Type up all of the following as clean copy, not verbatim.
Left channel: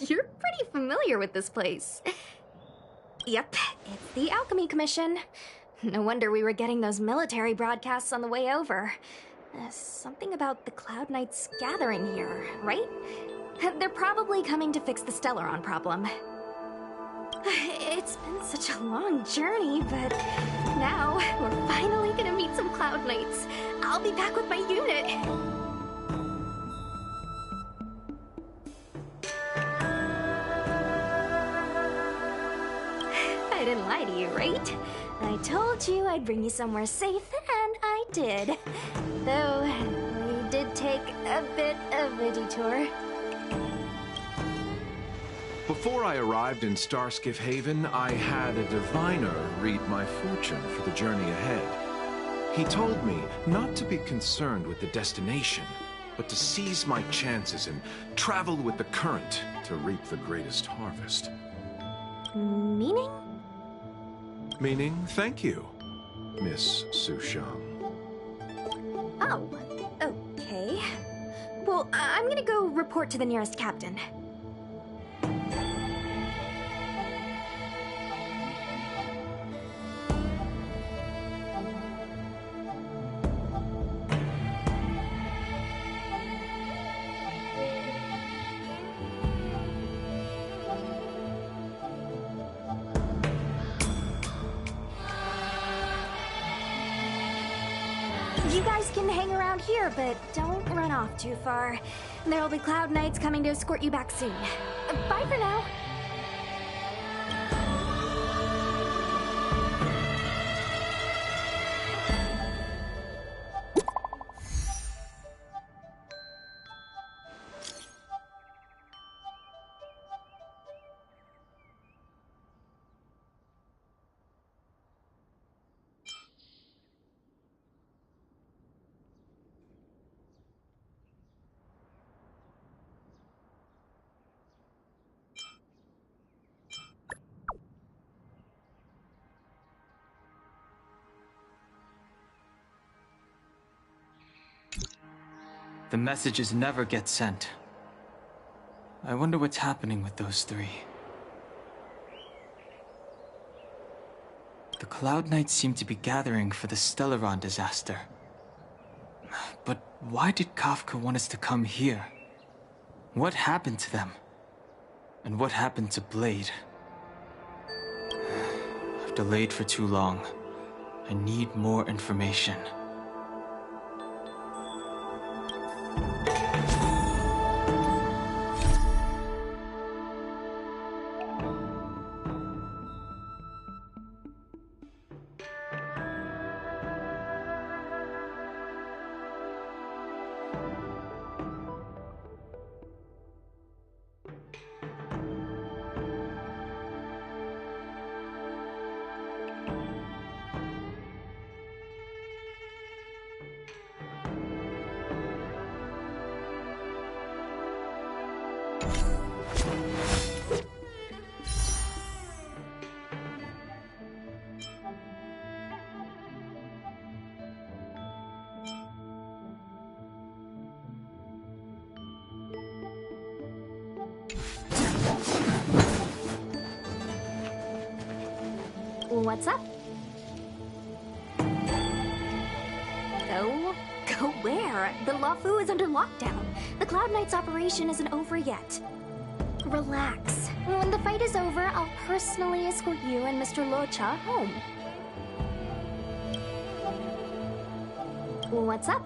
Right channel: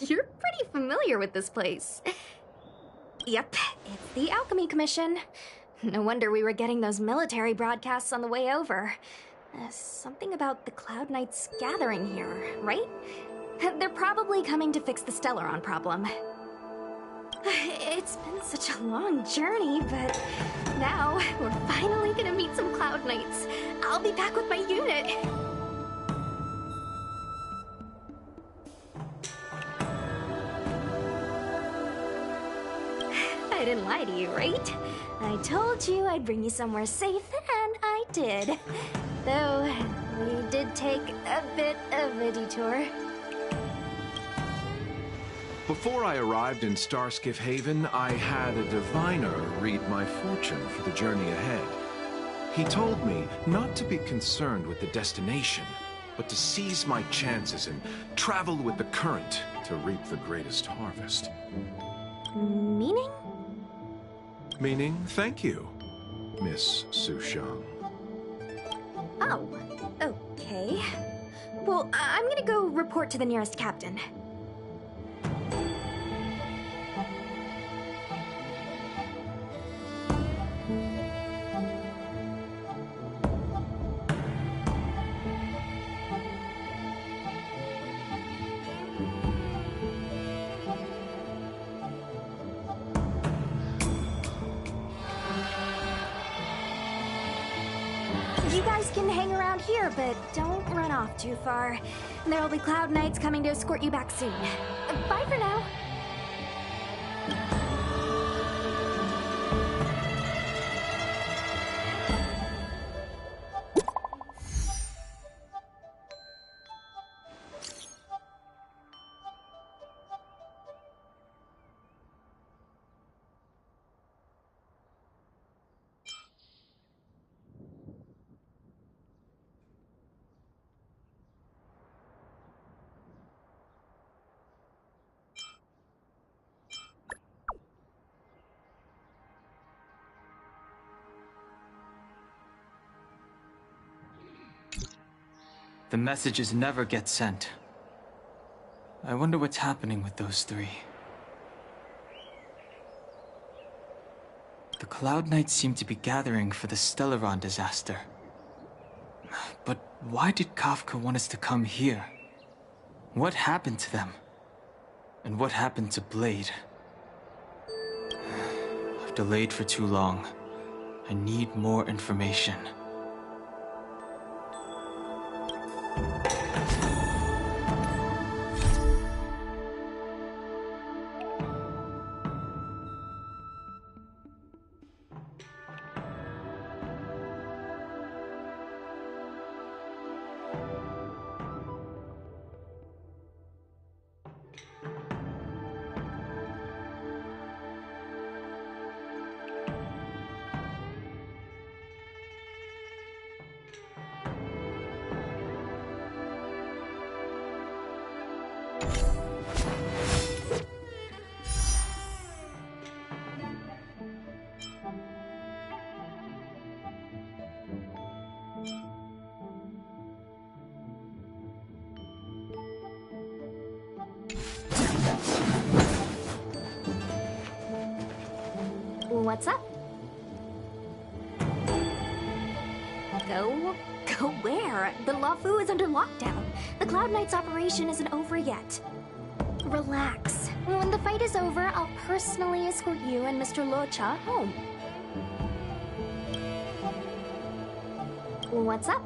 You're pretty familiar with this place. Yep, it's the Alchemy Commission. No wonder we were getting those military broadcasts on the way over. Something about the Cloud Knights gathering here, right? They're probably coming to fix the Stellaron problem. It's been such a long journey, but now we're finally gonna meet some Cloud Knights. I'll be back with my unit. I didn't lie to you, right? I told you I'd bring you somewhere safe, and I did. Though, we did take a bit of a detour. Before I arrived in Starskiff Haven, I had a diviner read my fortune for the journey ahead. He told me not to be concerned with the destination, but to seize my chances and travel with the current to reap the greatest harvest. Meaning? Meaning, thank you, Miss Sushang. Oh, okay. Well, I'm gonna go report to the nearest captain. You guys can hang around here, but don't run off too far. There'll be Cloud Knights coming to escort you back soon. Bye for now. The messages never get sent. I wonder what's happening with those three. The Cloud Knights seem to be gathering for the Stellaron disaster. But why did Kafka want us to come here? What happened to them? And what happened to Blade? I've delayed for too long. I need more information. What's up? Go where? The Lafu is under lockdown. The Cloud Knights operation isn't over yet. Relax. When the fight is over, I'll personally escort you and Mr. Locha home. What's up?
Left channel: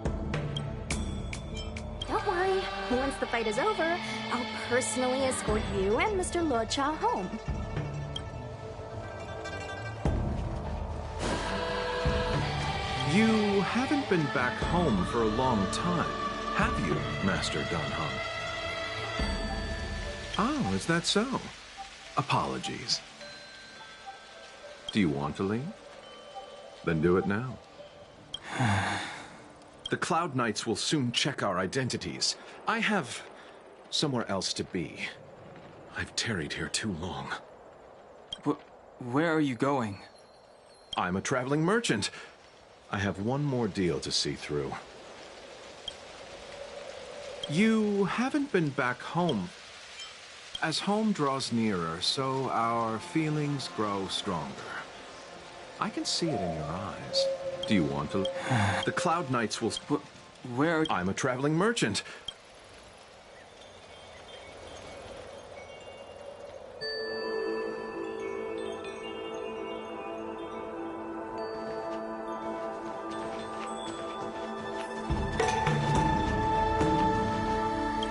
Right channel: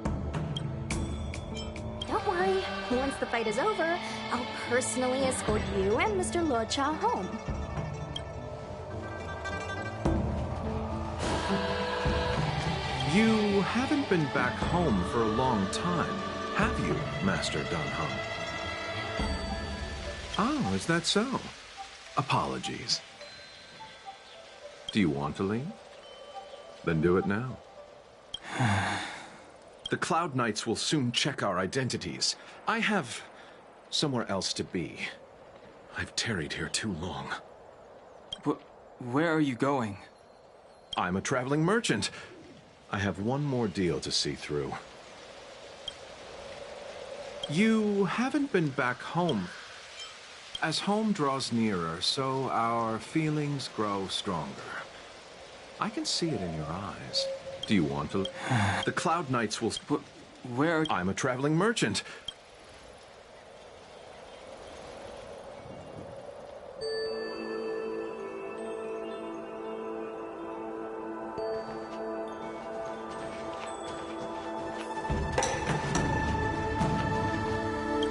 Don't worry. Once the fight is over, I'll personally escort you and Mr. Locha home. You haven't been back home for a long time, have you, Master Danhong? Oh, is that so? Apologies. Do you want to leave? Then do it now. The Cloud Knights will soon check our identities. I have somewhere else to be. I've tarried here too long. Where are you going? I'm a traveling merchant. I have one more deal to see through. You haven't been back home. As home draws nearer, so our feelings grow stronger. I can see it in your eyes. Do you want to? The Cloud Knights will... Where are... I'm a traveling merchant.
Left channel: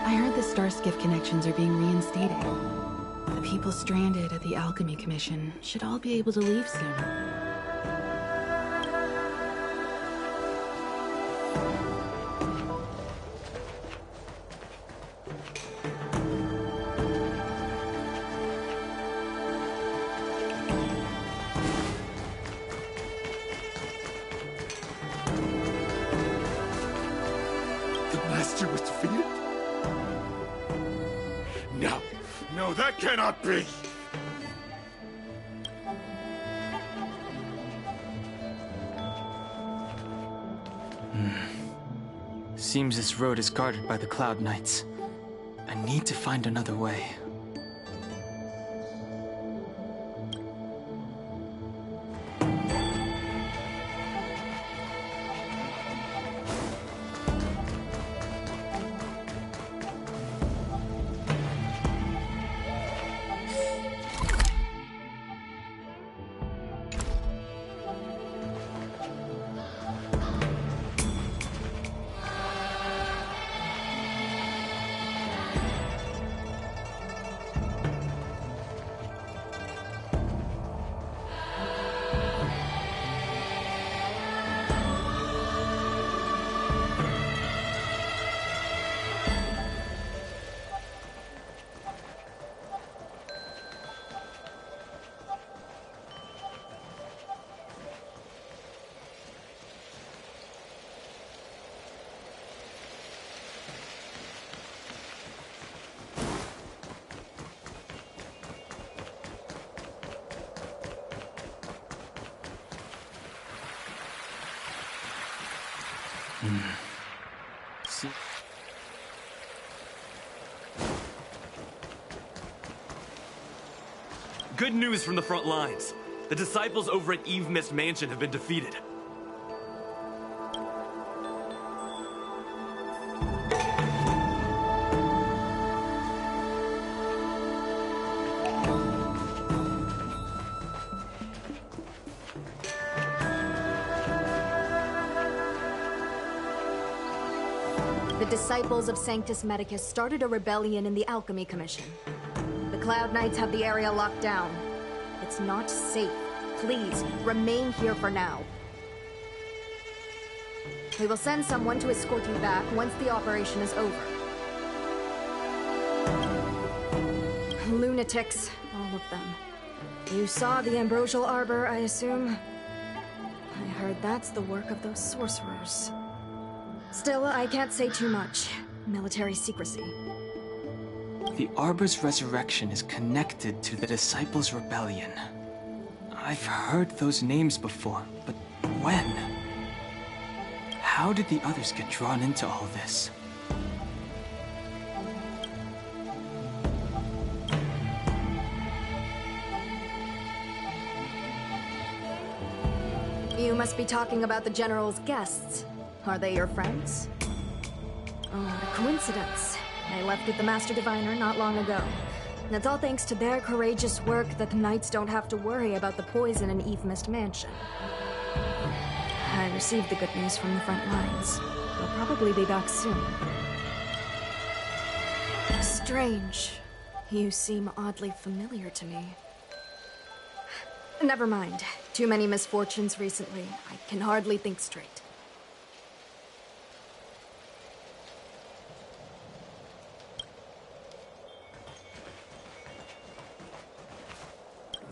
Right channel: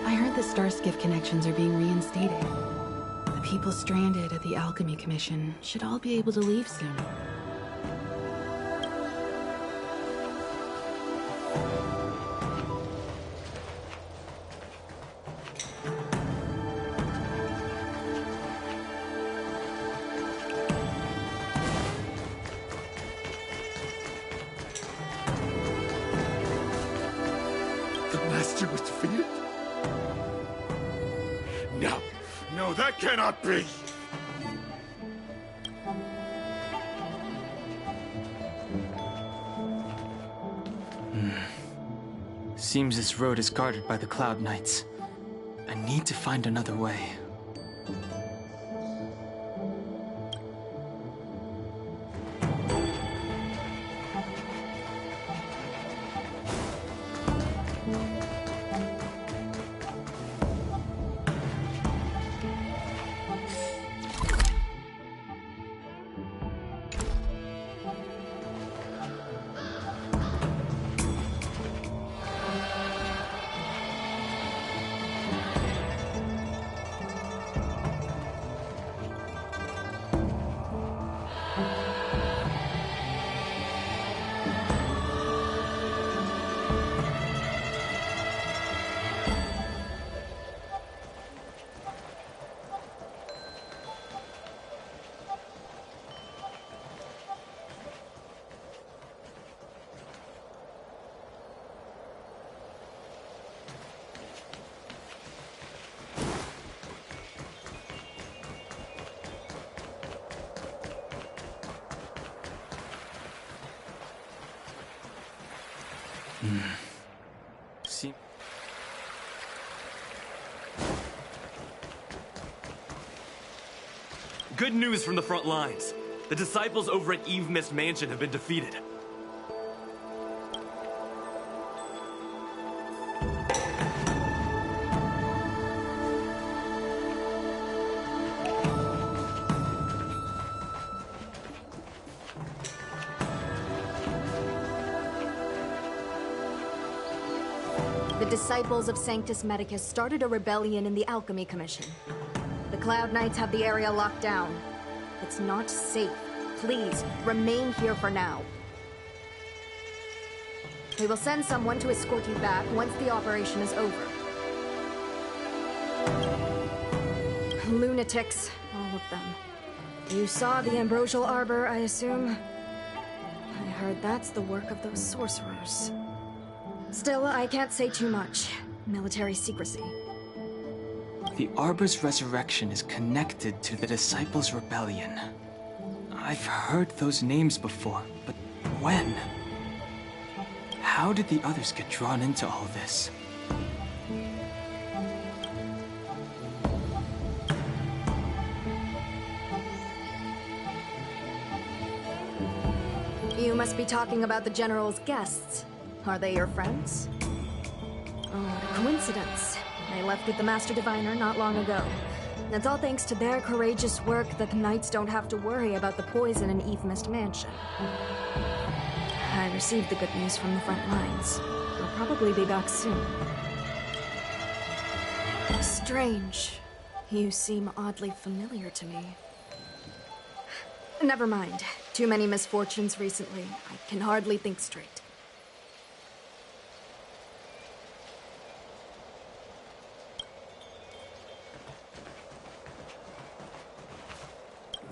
I heard the Starskiff connections are being reinstated. The people stranded at the Alchemy Commission should all be able to leave soon. The Master was defeated? No. No, that cannot be! Seems this road is guarded by the Cloud Knights. I need to find another way. See? Good news from the front lines. The disciples over at Eve Mist Mansion have been defeated. The disciples of Sanctus Medicus started a rebellion in the Alchemy Commission. The Cloud Knights have the area locked down. It's not safe. Please, remain here for now. We will send someone to escort you back once the operation is over. Lunatics, all of them. You saw the Ambrosial Arbor, I assume? I heard that's the work of those sorcerers. Still, I can't say too much. Military secrecy. The Arbor's resurrection is connected to the Disciples' Rebellion. I've heard those names before, but when? How did the others get drawn into all this? You must be talking about the General's guests. Are they your friends? Oh, what a coincidence. They left with the Master Diviner not long ago. And it's all thanks to their courageous work that the Knights don't have to worry about the poison in Eve Mist Mansion. I received the good news from the front lines. They'll probably be back soon. Strange. You seem oddly familiar to me. Never mind. Too many misfortunes recently. I can hardly think straight.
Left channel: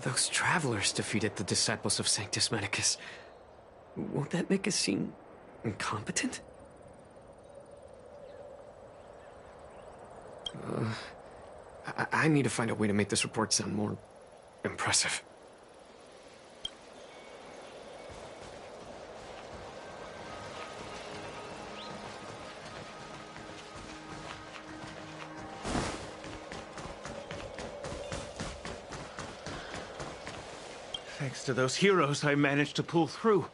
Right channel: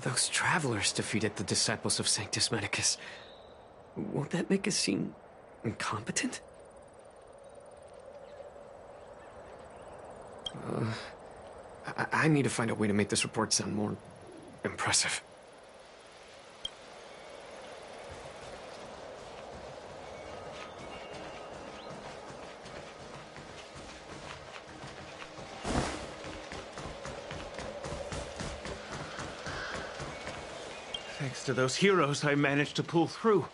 Those travelers defeated the disciples of Sanctus Medicus. Won't that make us seem incompetent? I need to find a way to make this report sound more impressive. Thanks to those heroes, I managed to pull through.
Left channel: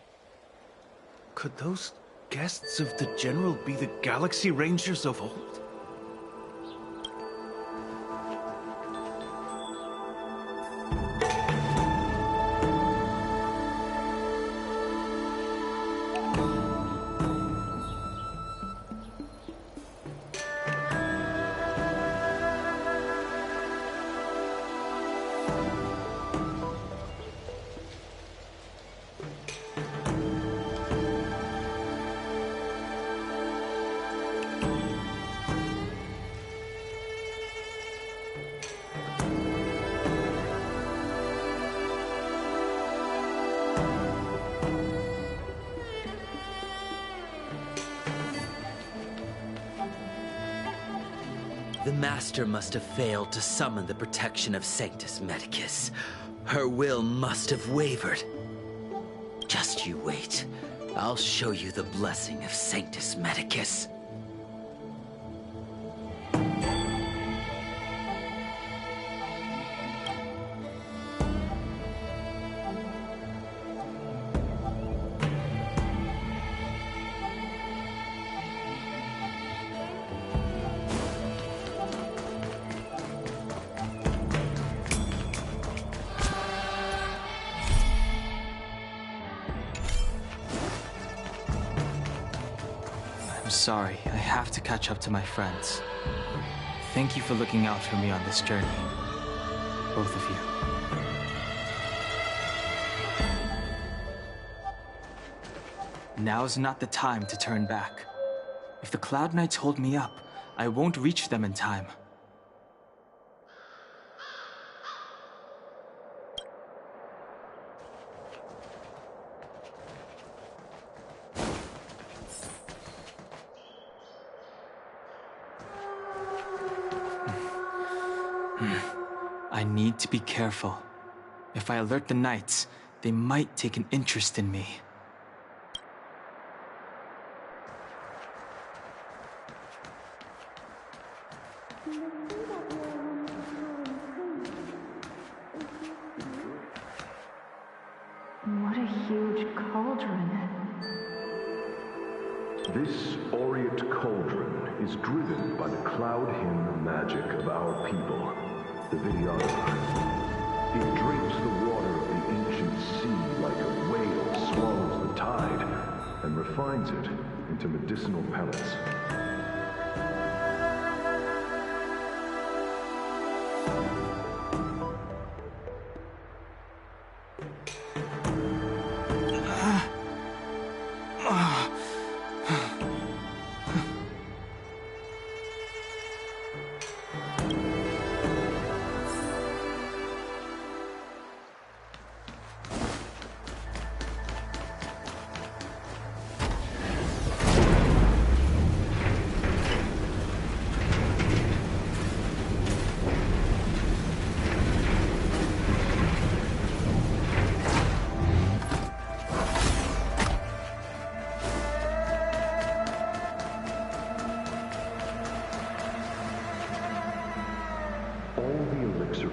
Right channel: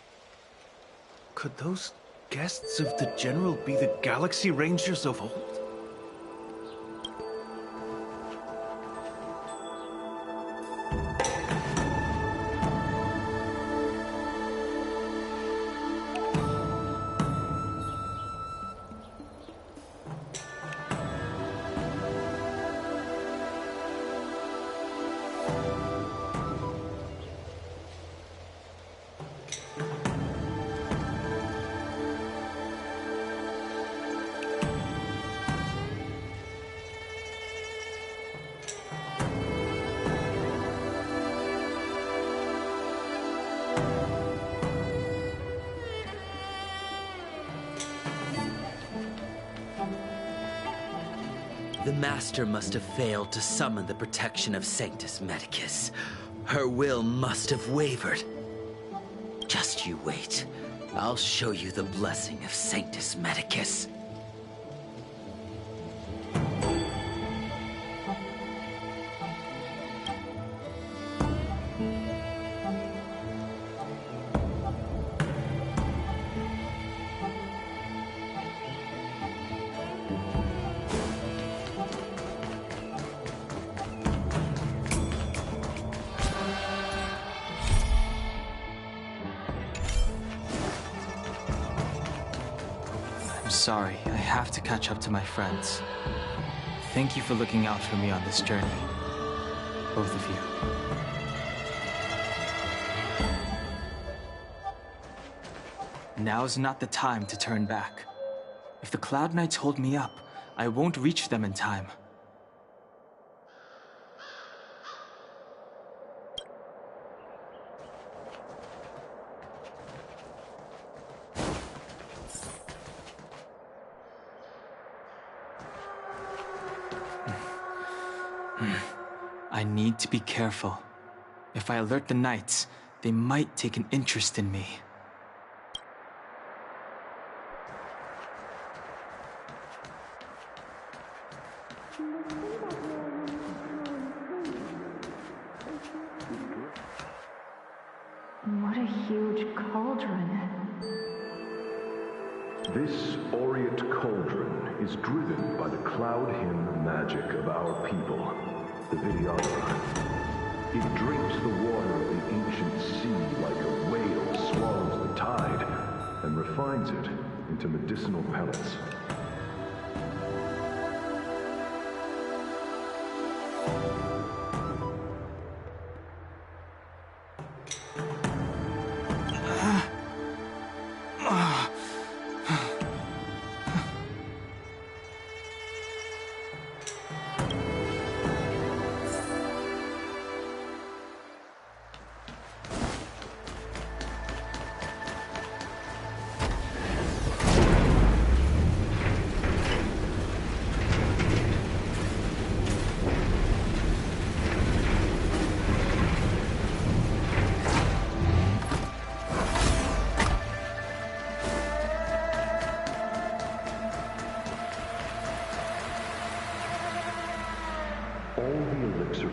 Could those guests of the General be the Galaxy Rangers of old? The Master must have failed to summon the protection of Sanctus Medicus. Her will must have wavered. Just you wait. I'll show you the blessing of Sanctus Medicus. I'm sorry, I have to catch up to my friends. Thank you for looking out for me on this journey. Both of you. Now's not the time to turn back. If the Cloud Knights hold me up, I won't reach them in time. I need to be careful. If I alert the Knights, they might take an interest in me. What a huge cauldron. This aureate cauldron is driven by the cloud hymn magic of our people, the Vidyadhara. It drinks the water of the ancient sea like a whale swallows the tide, and refines it into medicinal pellets.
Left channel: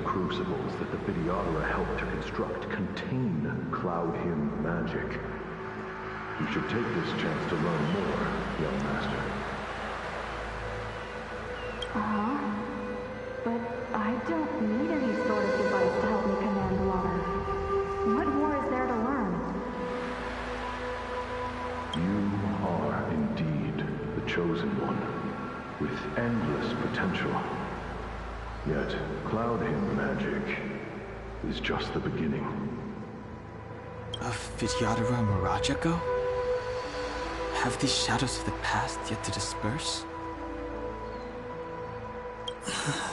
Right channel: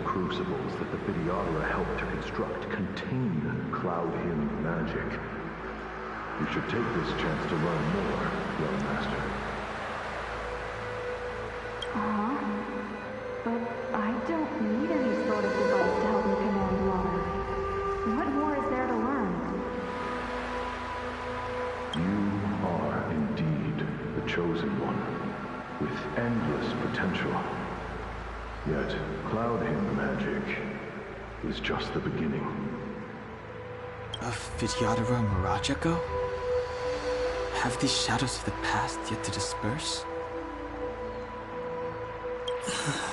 Crucibles that the Vidyadhara helped to construct contain cloud hymn magic. You should take this chance to learn more, young master. But I don't need any sort of device to help me command water. What more is there to learn? You are indeed the chosen one, with endless potential. Yet, cloud hymn magic is just the beginning. Of Vidyadhara Mirajago? Have these shadows of the past yet to disperse?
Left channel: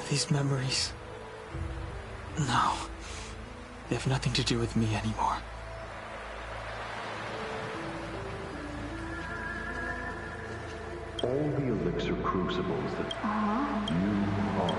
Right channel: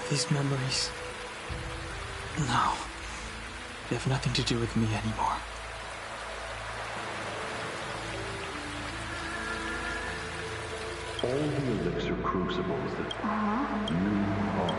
These memories... No. They have nothing to do with me anymore. All the elixir crucibles that you are...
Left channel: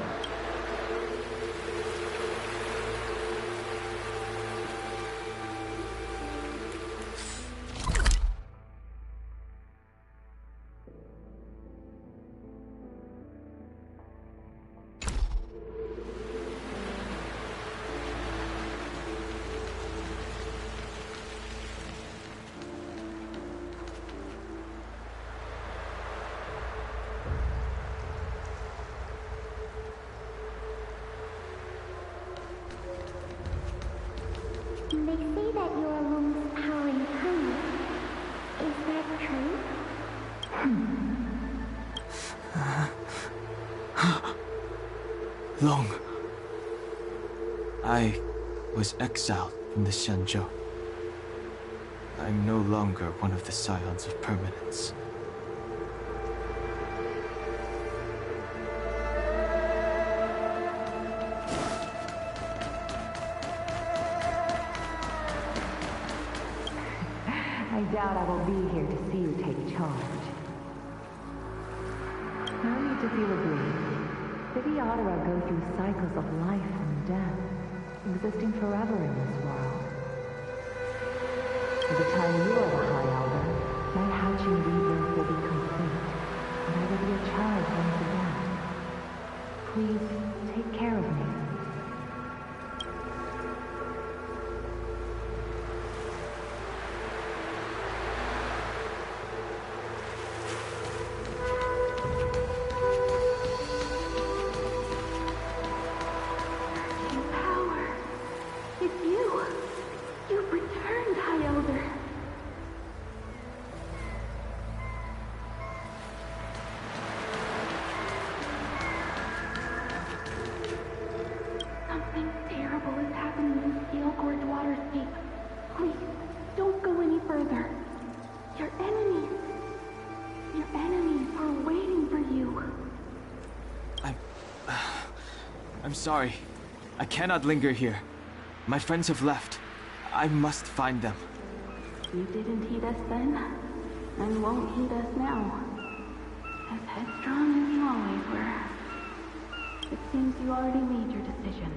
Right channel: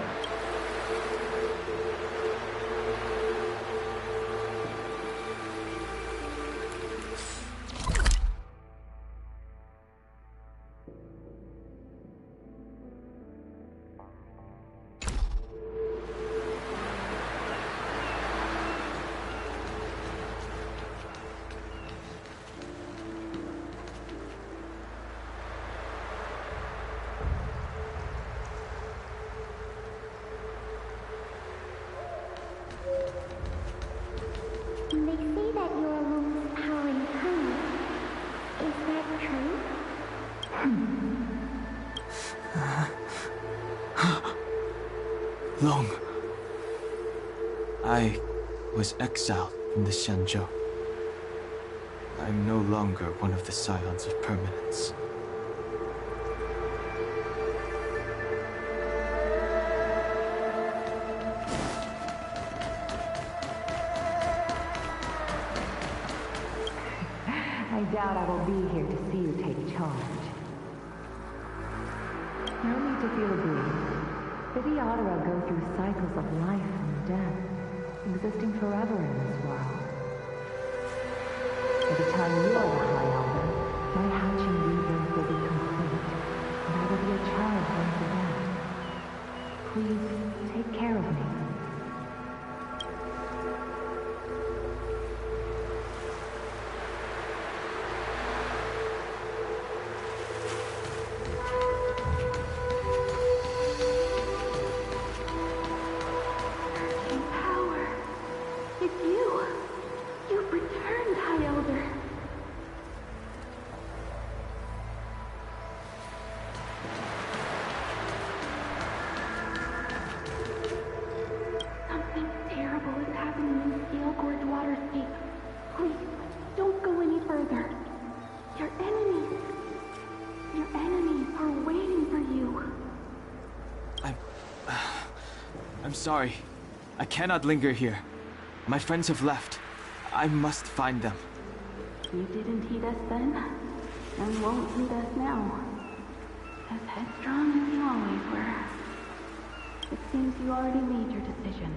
say that you're Lung's powering tongue. Is that true? Long. I was exiled from the Xianzhou. I'm no longer one of the Scions of Permanence. I doubt I will be here to see you take charge. No need to feel aggrieved. Vidyadhara go through cycles of life and death, existing forever in this world. By the time you are the High Elder, my hatching rebirth will be complete, and I will be a child once again. Please, take care of me. I'm sorry. I cannot linger here. My friends have left. I must find them. You didn't heed us then, and won't heed us now. As headstrong as you always were. It seems you already made your decision.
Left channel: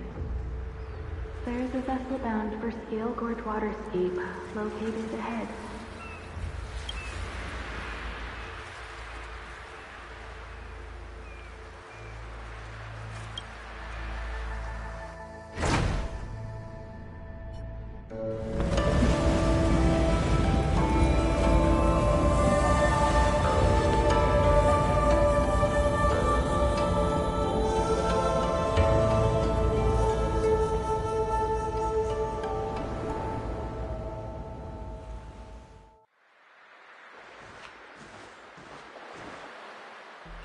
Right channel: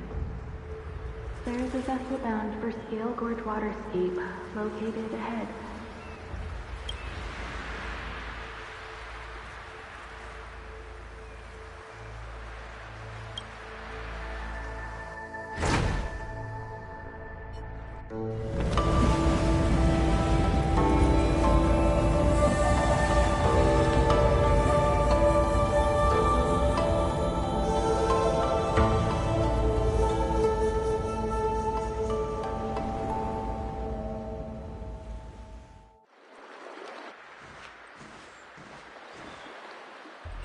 There is a vessel bound for Scale Gorge Waterscape, located ahead.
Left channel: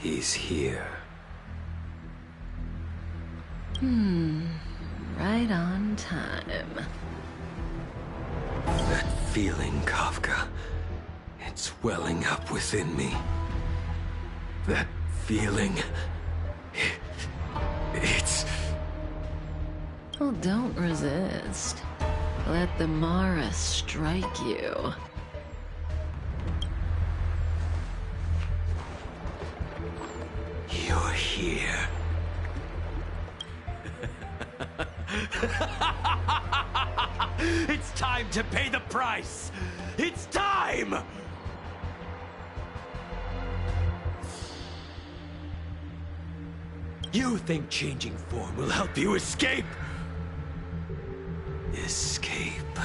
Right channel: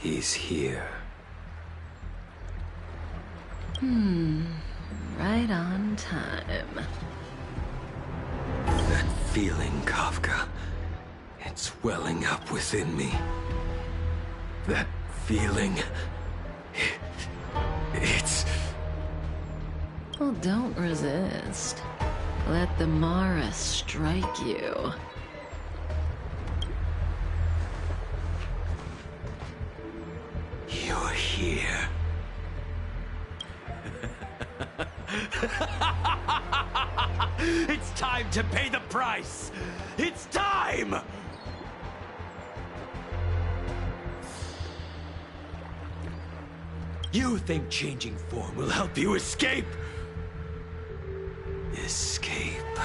He's here. Right on time. That feeling, Kafka. It's welling up within me. That feeling... It's... Well, don't resist. Let the Mara strike you. You're here. It's time to pay the price! It's time! You think changing form will help you escape? Escape.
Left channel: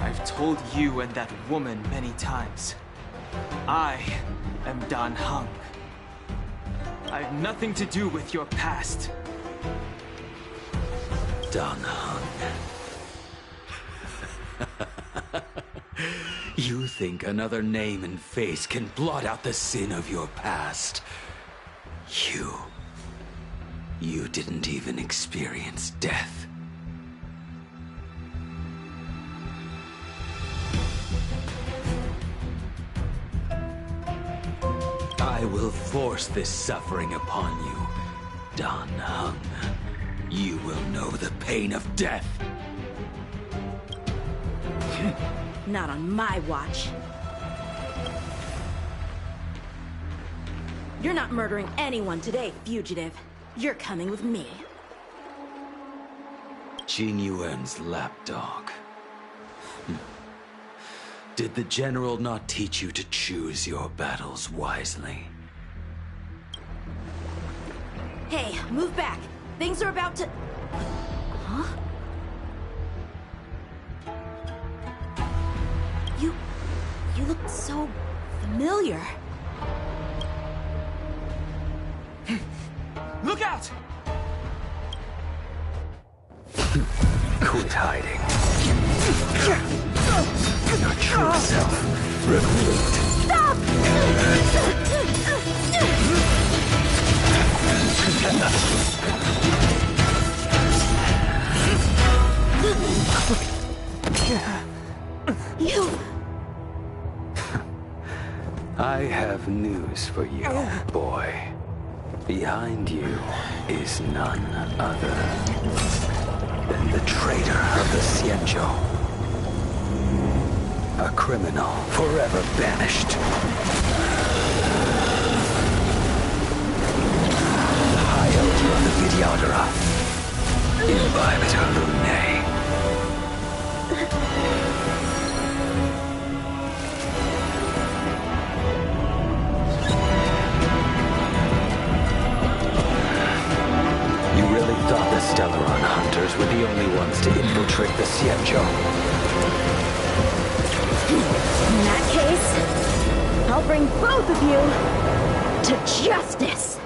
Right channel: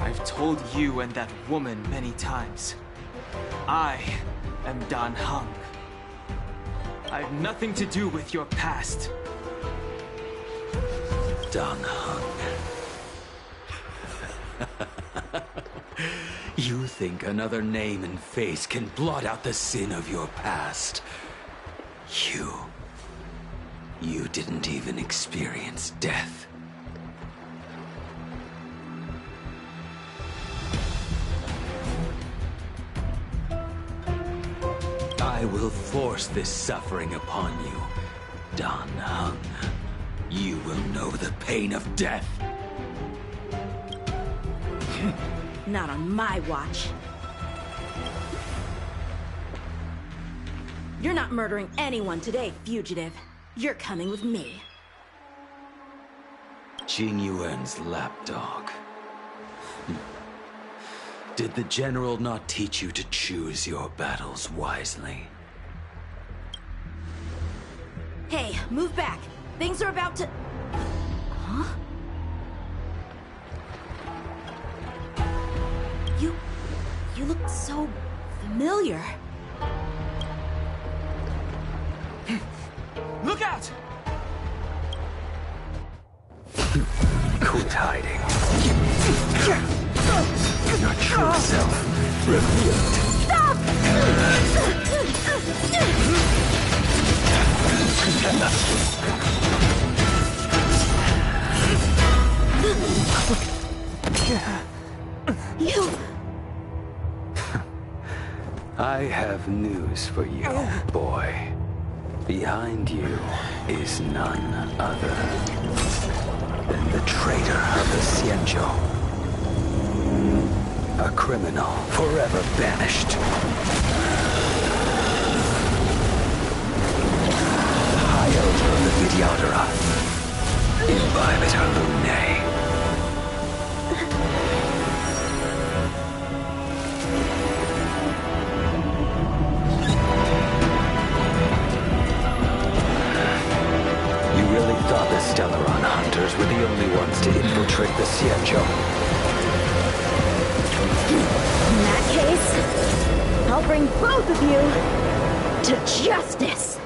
I've told you and that woman many times. I am Dan Heng. I have nothing to do with your past. Dan Heng. You think another name and face can blot out the sin of your past? You didn't even experience death. I will force this suffering upon you, Dan Heng. You will know the pain of death. Not on my watch. You're not murdering anyone today, fugitive. You're coming with me. Jing Yuan's lapdog. Did the General not teach you to choose your battles wisely? Hey, move back. Things are about to... Huh? You look so familiar. Look out! Quit hiding. Your true self revealed. Stop! You... I have news for you, boy. Behind you is none other than the traitor of the Xianzhou. A criminal forever banished. The High Elder of the Videodora. Imbibitor Lunae. You really thought the Stellaron hunters were the only ones to infiltrate the Xianzhou? In that case, I'll bring both of you to justice!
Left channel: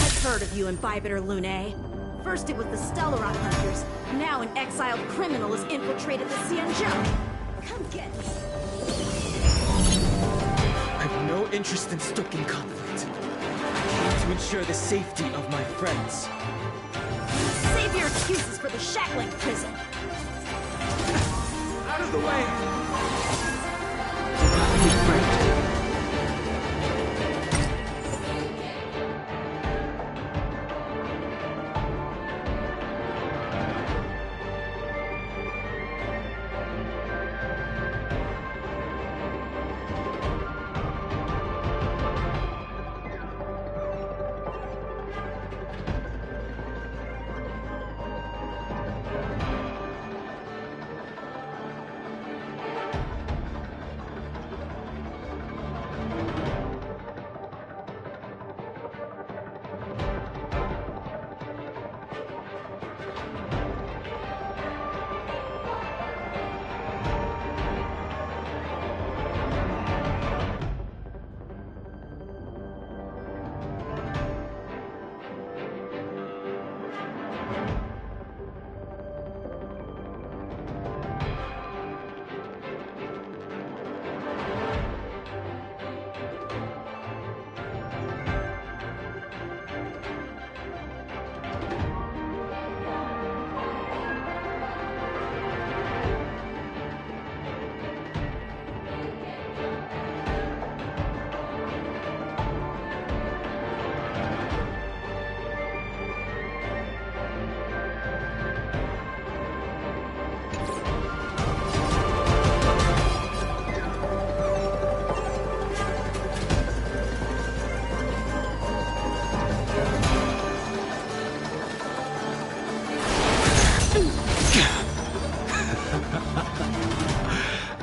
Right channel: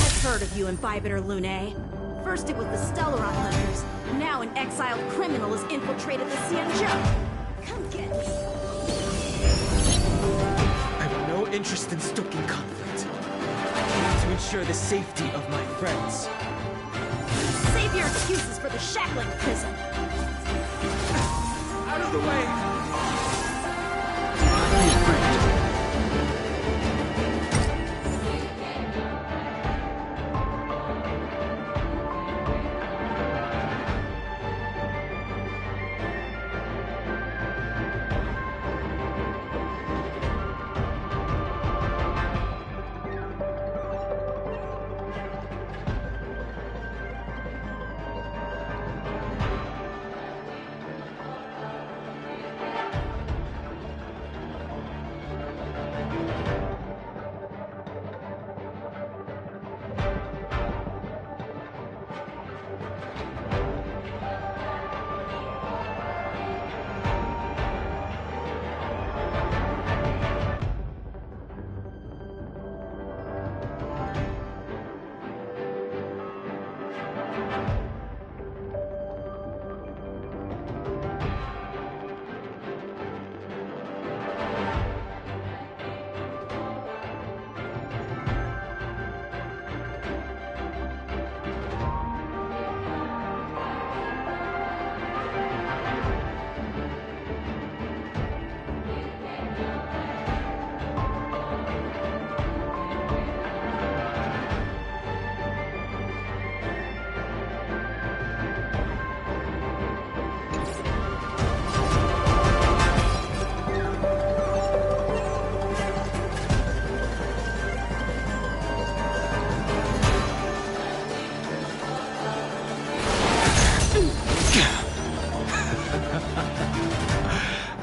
I've heard of you, Imbibitor Lunae. First it was the Stellaron hunters, now an exiled criminal has infiltrated the Xianzhou. Come get me. I have no interest in stoking conflict. I came to ensure the safety of my friends. Save your excuses for the shackling prison. Out of the way! Do not be afraid.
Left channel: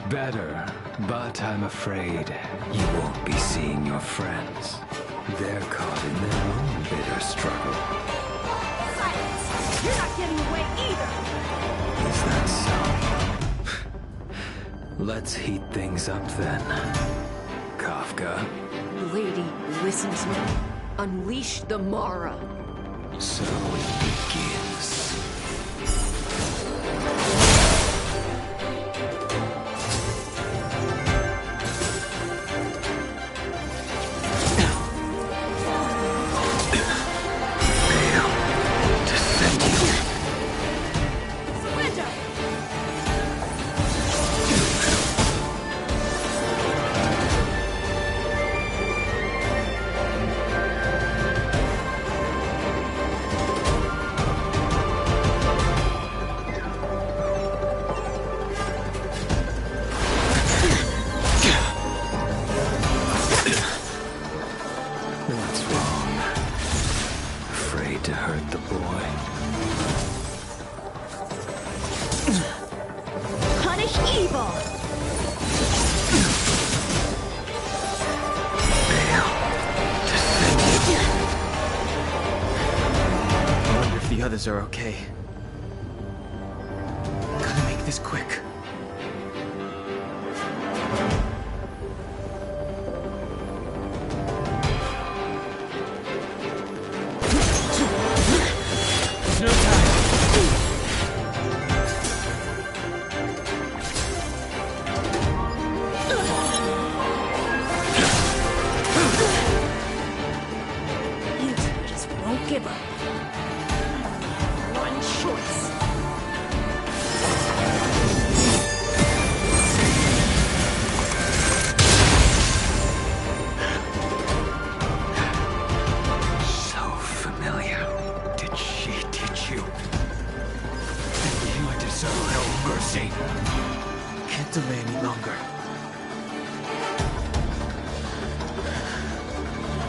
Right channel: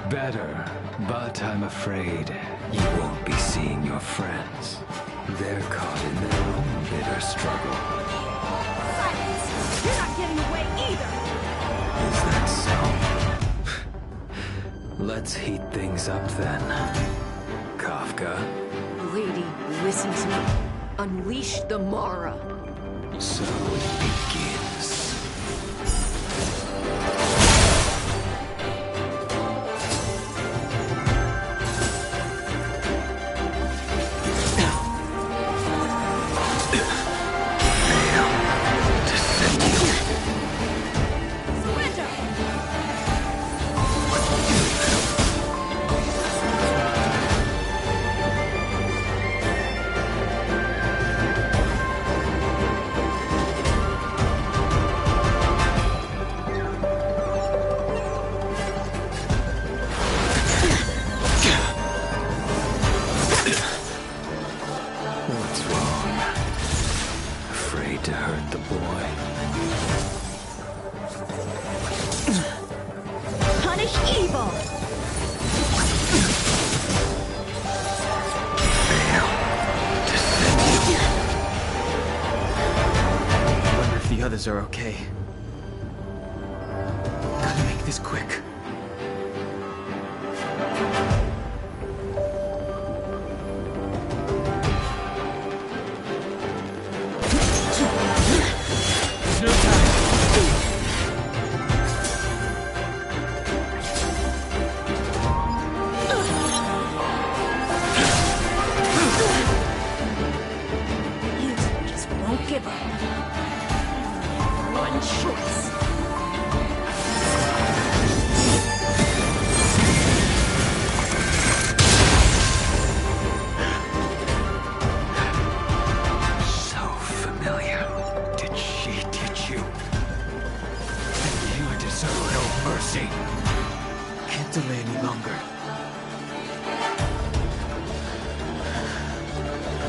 Better, but I'm afraid you won't be seeing your friends. They're caught in their own bitter struggle. Silence! You're not getting away either! Is that so? Let's heat things up then. Kafka. Lady, listen to me. Unleash the Mara. So it begins. What's wrong? Afraid to hurt the boy? Punish evil! Fail to send you. I wonder if the others are okay. Gotta make this quick. give up. I only have one choice. So familiar. Did she teach you? You deserve no mercy. Can't delay any longer.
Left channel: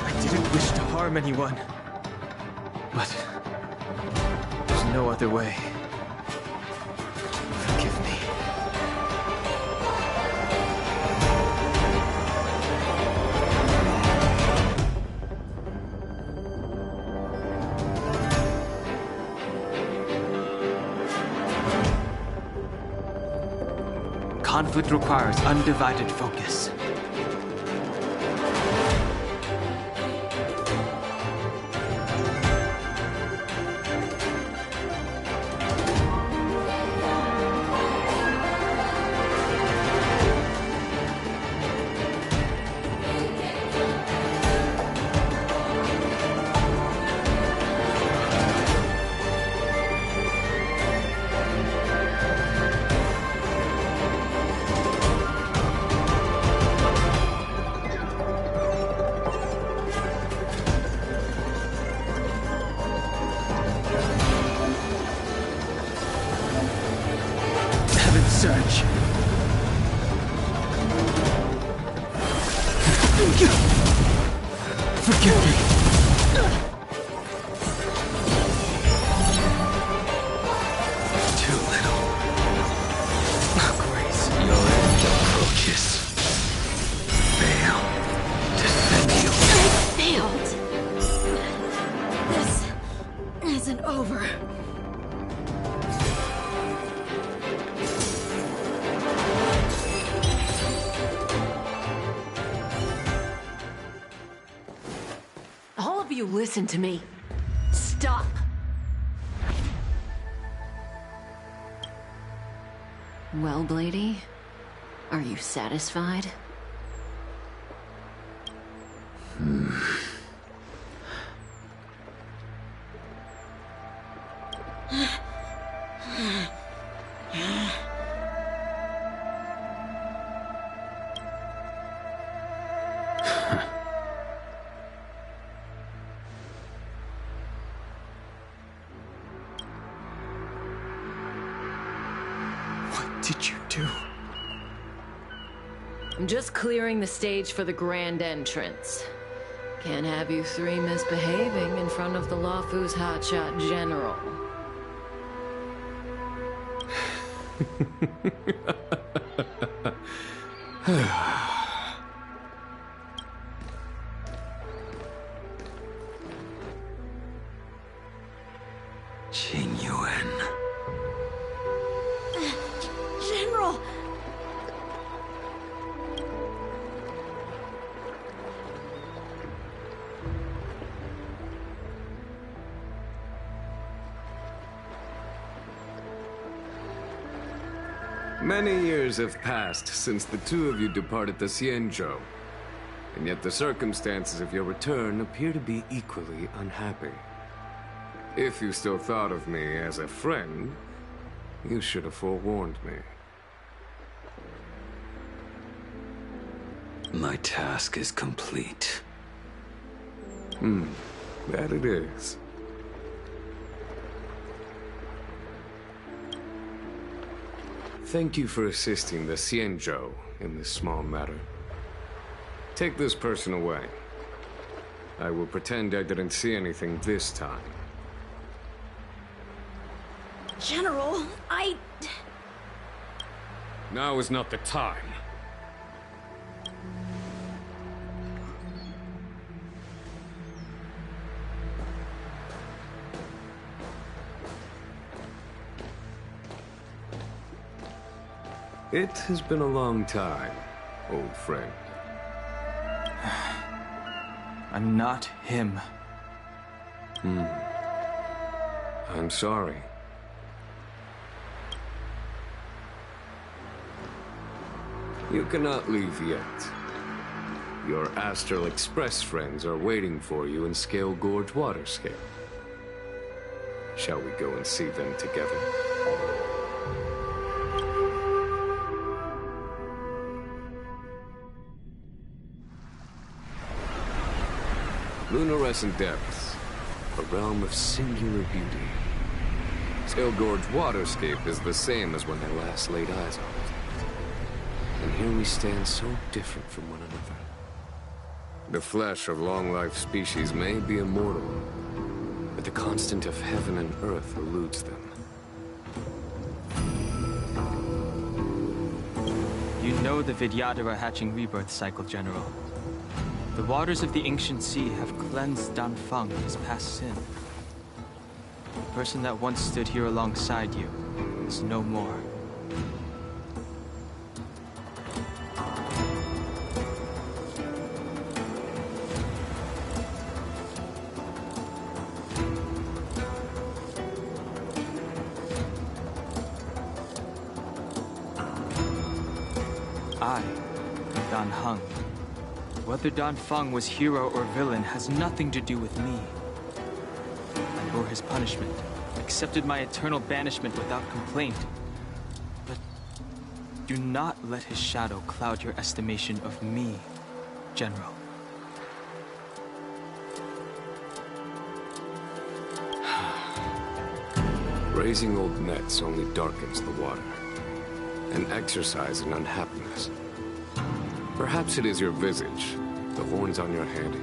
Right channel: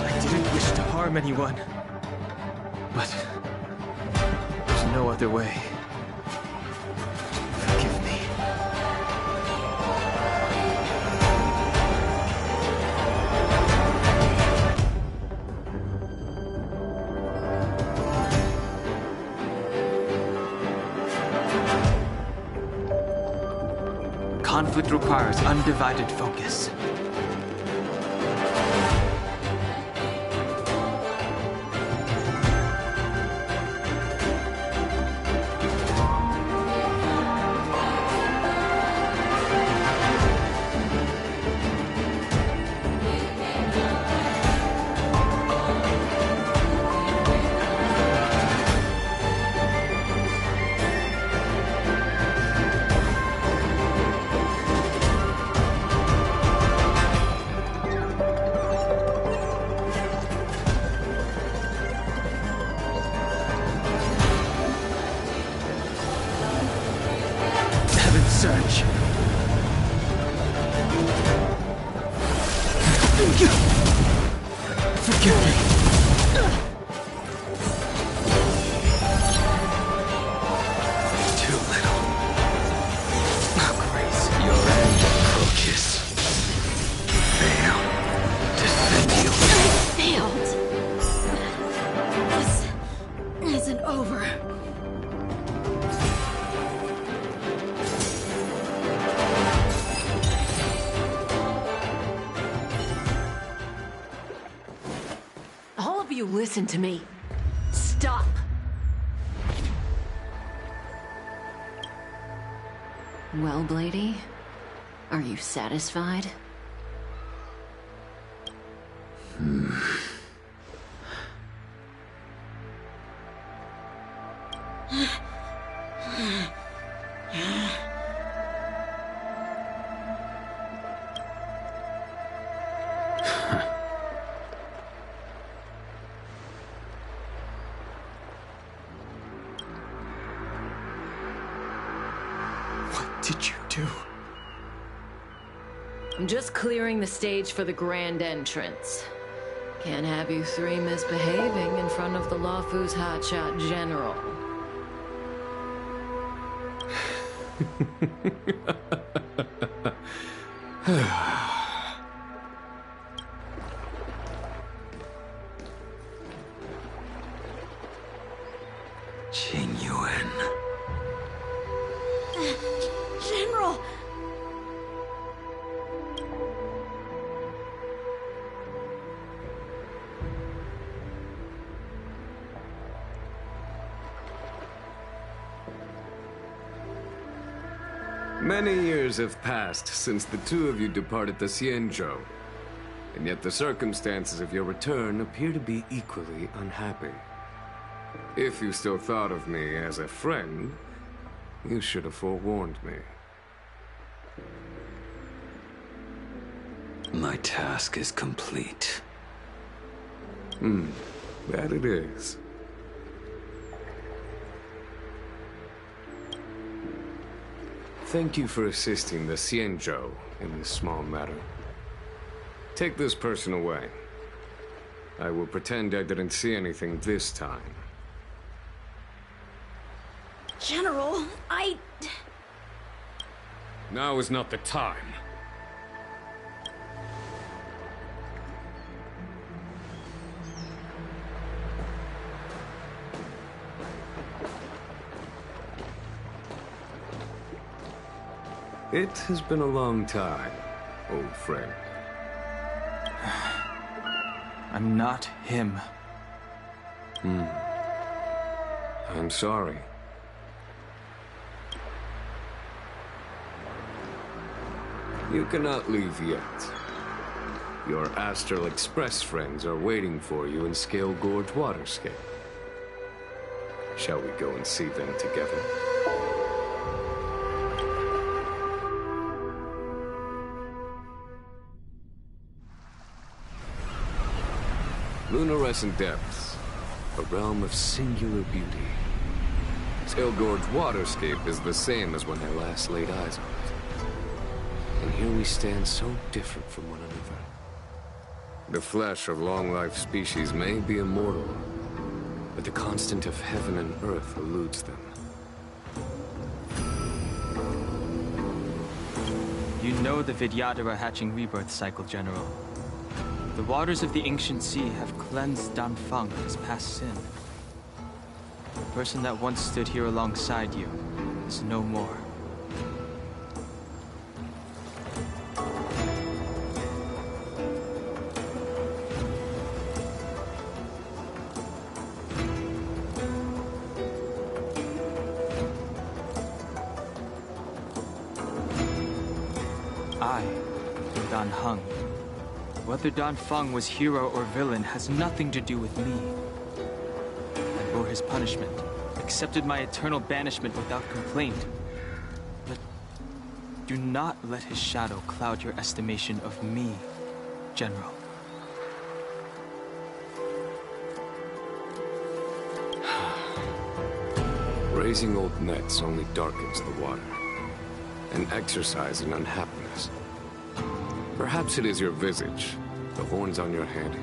I didn't wish to harm anyone. But there's no other way. Forgive me. Conflict requires undivided focus. Search. Forgive me. Too little. Grace, your end approaches. Fail. Defend you. I failed. This isn't over. You listen to me. Stop. Well, Blady, are you satisfied? What did you do? I'm just clearing the stage for the grand entrance. Can't have you three misbehaving in front of the Lawfu's hotshot general. Genuine. General! Many years have passed since the two of you departed the Xianzhou, and yet the circumstances of your return appear to be equally unhappy. If you still thought of me as a friend, you should have forewarned me. My task is complete. That it is. Thank you for assisting the Xianzhou in this small matter. Take this person away. I will pretend I didn't see anything this time. General, Now is not the time. It has been a long time, old friend. I'm not him. I'm sorry. You cannot leave yet. Your Astral Express friends are waiting for you in Scale Gorge Waterscape. Shall we go and see them together? Lunarescent Depths, a realm of singular beauty. Skelgord's waterscape is the same as when I last laid eyes on it. And here we stand so different from one another. The flesh of long-life species may be immortal, but the constant of heaven and earth eludes them. You know the Vidyadhara hatching rebirth cycle, General. The waters of the ancient sea have cleansed Danfeng of his past sin. The person that once stood here alongside you is no more. I am Dan Heng. Whether Danfeng was hero or villain has nothing to do with me. I bore his punishment, accepted my eternal banishment without complaint. But do not let his shadow cloud your estimation of me, General. Raising old nets only darkens the water, an exercise in unhappiness. Perhaps it is your visage, the horns on your head,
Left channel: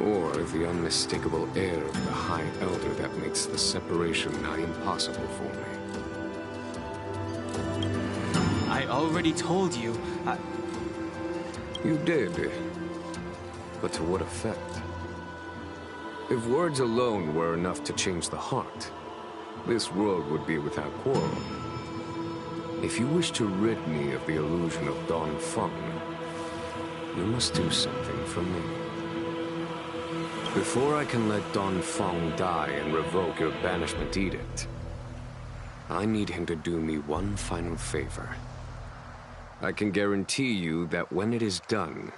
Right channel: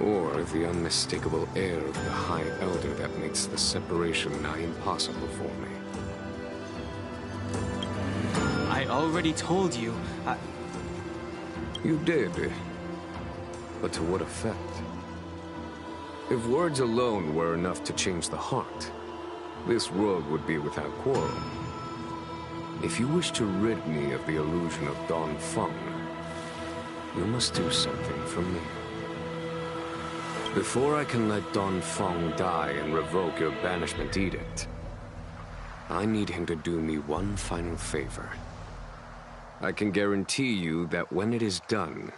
or the unmistakable air of the High Elder that makes the separation nigh impossible for me. I already told you, You did, but to what effect? If words alone were enough to change the heart, this world would be without quarrel. If you wish to rid me of the illusion of Danfeng, you must do something for me. Before I can let Danfeng die and revoke your banishment edict, I need him to do me one final favor. I can guarantee you that when it is done,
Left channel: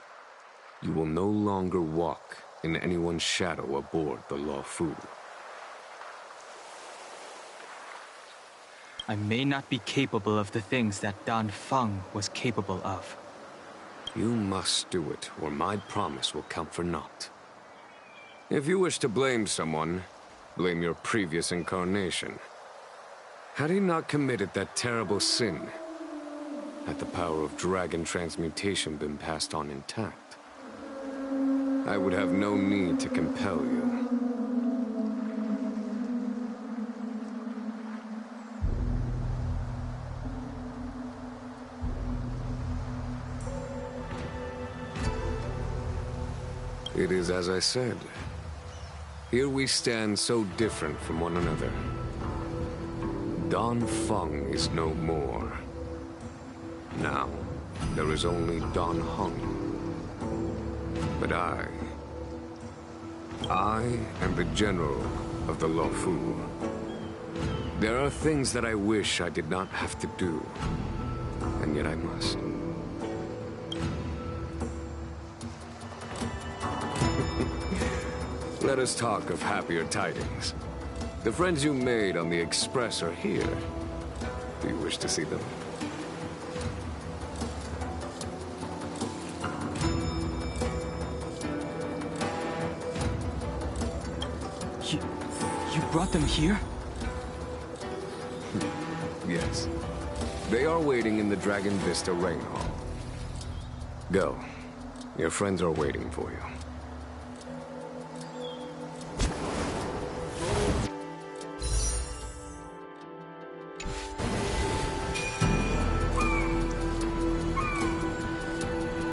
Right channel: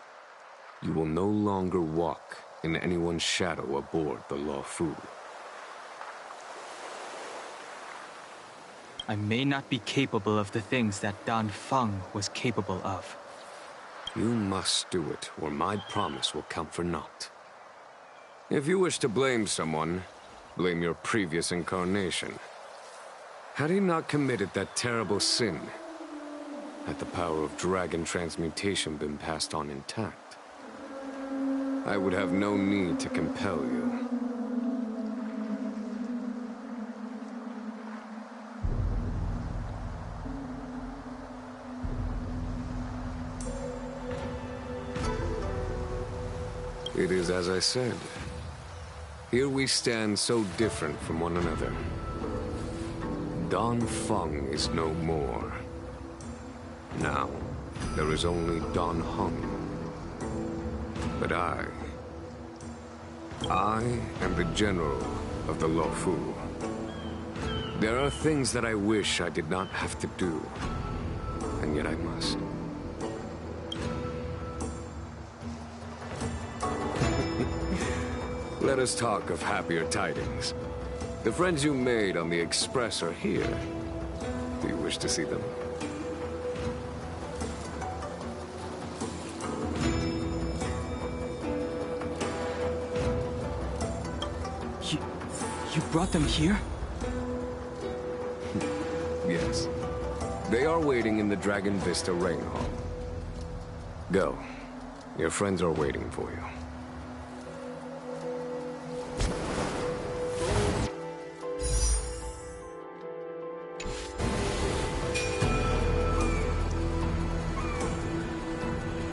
you will no longer walk in anyone's shadow aboard the Luofu. I may not be capable of the things that Danfeng was capable of. You must do it, or my promise will count for naught. If you wish to blame someone, blame your previous incarnation. Had he not committed that terrible sin, had the power of dragon transmutation been passed on intact, I would have no need to compel you. It is as I said. Here we stand so different from one another. Danfeng is no more. Now, there is only Dan Heng. But I am the general of the Luofu. There are things that I wish I did not have to do, and yet I must. Let us talk of happier tidings. The friends you made on the Express are here. Do you wish to see them? You brought them here? Yes. They are waiting in the Dragon Vista Rain Hall. Go. Your friends are waiting for you.